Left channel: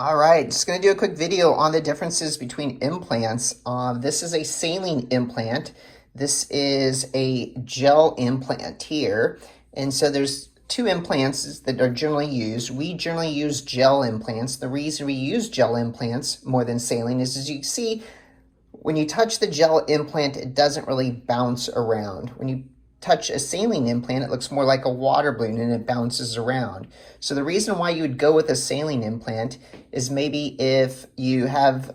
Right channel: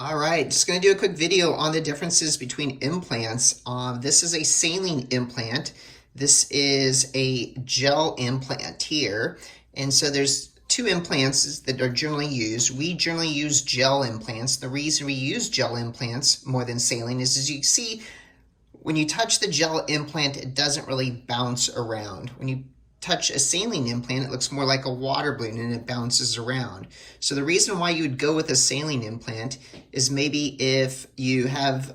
All right, just going to do a quick video on the differences between implants. This is a saline implant. This is a gel implant here. And so there's two implants that are generally used. We generally use gel implants. The reason we use gel implants more than saline is, as you can see, when you touch the gel implant, it doesn't really bounce around. When you touch a saline implant, it looks more like a water balloon and it bounces around. So the reason why you would go with a saline implant is maybe if you have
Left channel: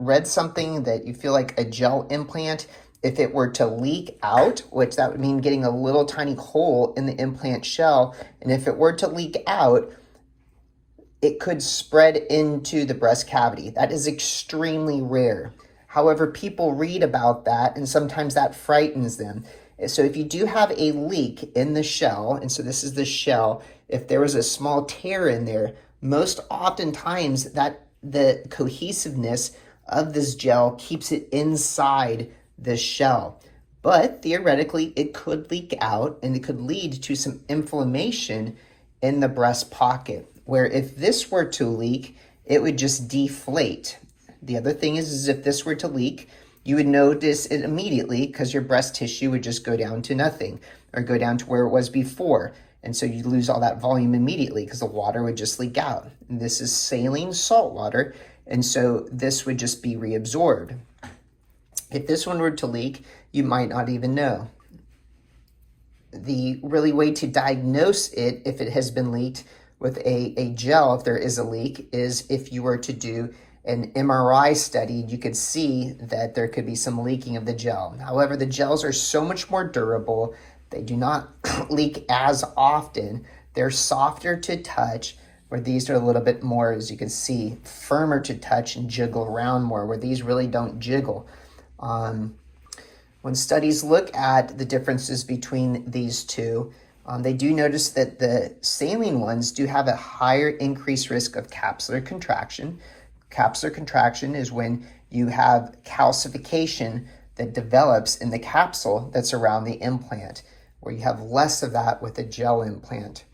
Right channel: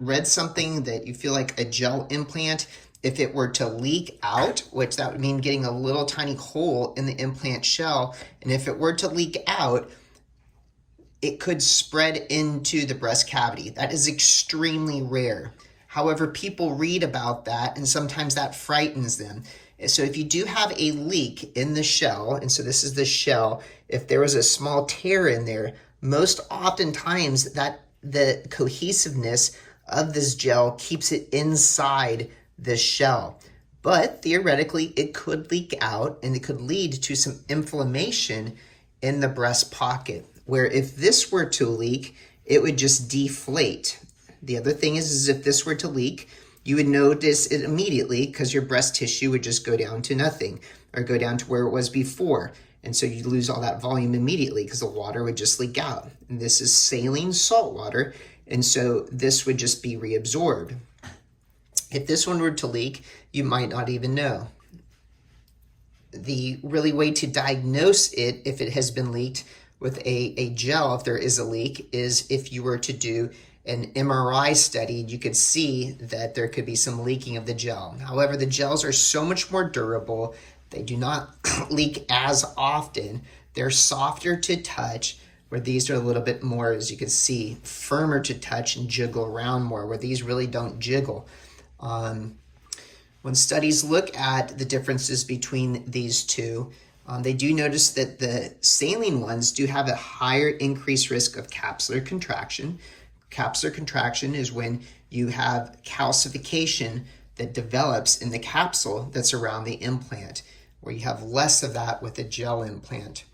read something that you feel like a gel implant, if it were to leak out, which that would mean getting a little tiny hole in the implant shell, and if it were to leak out, it could spread into the breast cavity. That is extremely rare. However, people read about that and sometimes that frightens them. So if you do have a leak in the shell, and so this is the shell, if there was a small tear in there, most oftentimes that the cohesiveness of this gel keeps it inside the shell. But theoretically, it could leak out and it could lead to some inflammation in the breast pocket, where if this were to leak, it would just deflate. The other thing is if this were to leak, you would notice it immediately because your breast tissue would just go down to nothing or go down to where it was before. And so you'd lose all that volume immediately because the water would just leak out. And this is saline salt water, and so this would just be reabsorbed. If this one were to leak, you might not even know. The really way to diagnose it, if it has been leaked with a gel, if there is a leak, is if you were to do an MRI study, you could see that there could be some leaking of the gel. However, the gels are so much more durable. They do not leak as often. They're softer to touch, where these are a little bit more, as you can see, firmer to touch and jiggle around more, where these really don't jiggle. When studies look at the differences between these two, they do notice that the saline ones do have a higher increased risk of capsular contraction. Capsular contraction is when you have calcification that develops in the capsule that's around the implant, where you have less of that with a gel implant.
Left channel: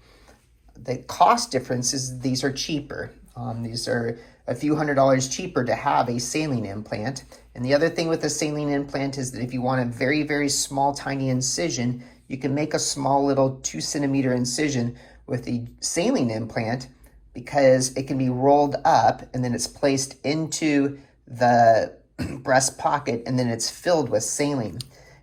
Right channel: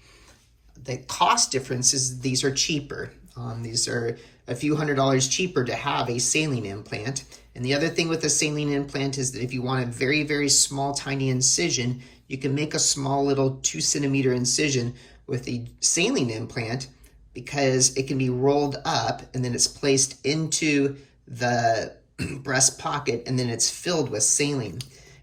The cost difference is these are cheaper. These are a few $100s cheaper to have a saline implant. And the other thing with a saline implant is that if you want a very, very small, tiny incision, you can make a small little 2-centimeter incision with the saline implant, because it can be rolled up and then it's placed into the breast pocket and then it's filled with saline.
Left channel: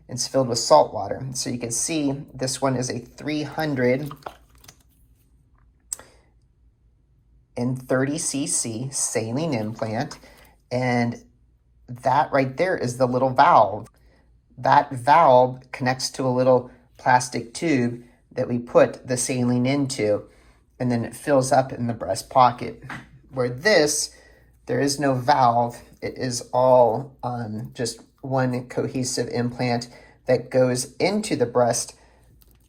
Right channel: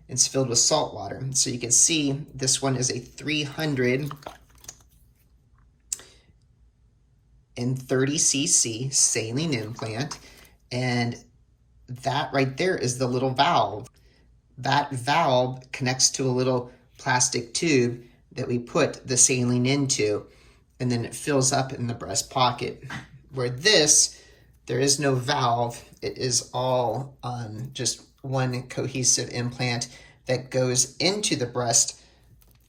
It's filled with salt water. So you can see this one is a 330 cc saline implant, and that right there is the little valve. That valve connects to a little plastic tube that we put the saline into, and then it fills up in the breast pocket. Where this, there is no valve. It is all just one cohesive implant that goes into the breast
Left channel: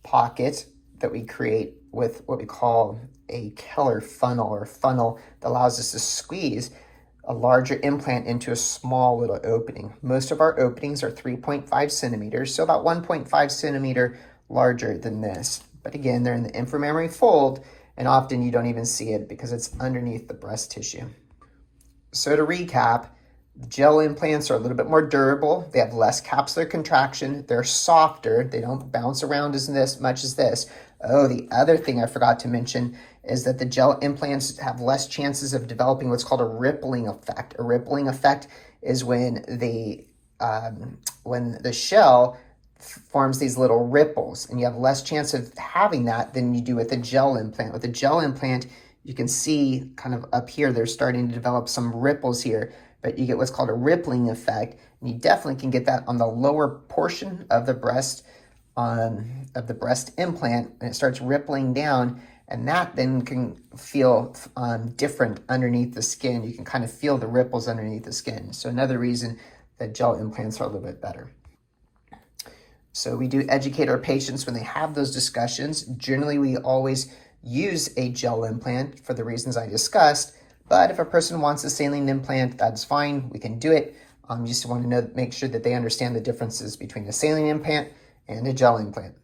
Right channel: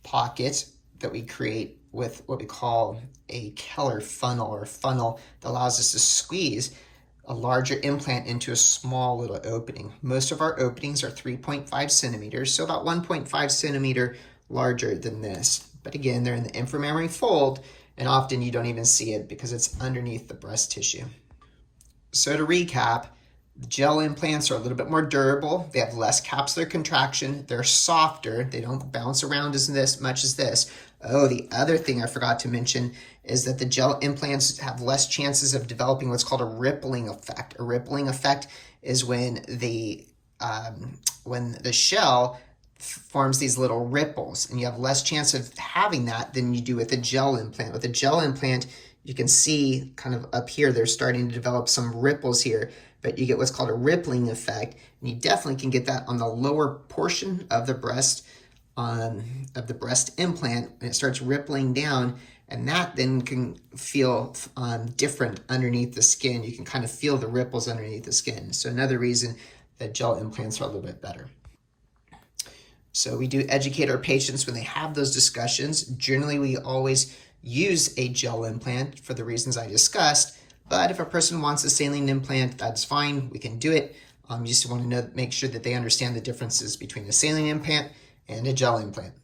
pocket that we create with what we call a Keller funnel, or funnel that allows us to squeeze a larger implant into a small little opening. Most of our openings are 3.5 centimeters, so about 1.5 centimeter larger than this. But again, they're in the inframammary fold, and often you don't even see it because it's underneath the breast tissue. So to recap, gel implants are a little bit more durable. They have less capsular contraction. They're softer. They don't bounce around as much as this. Oh, the other thing I forgot to mention is that the gel implants have less chances of developing what's called a rippling effect. A rippling effect is when the shell forms these little ripples, and you have less chance of having that than you do with a gel implant. With a gel implant, you can see kind of up here, they're starting to develop some ripples here, but you get what's called a rippling effect, and you definitely can get that on the lower portion of the breast implant, and it starts rippling down, and that then can feel different underneath the skin. You can kind of feel the ripples underneath the skin. So another reason that gel implants are a little bit better. So we do educate our patients when they have those discussions. Generally, we always use a gel implant for the reasons I discussed, but if a person wants a saline implant, that's fine, we can do it. You just want to make sure that they understand the differences between a saline implant and a gel implant.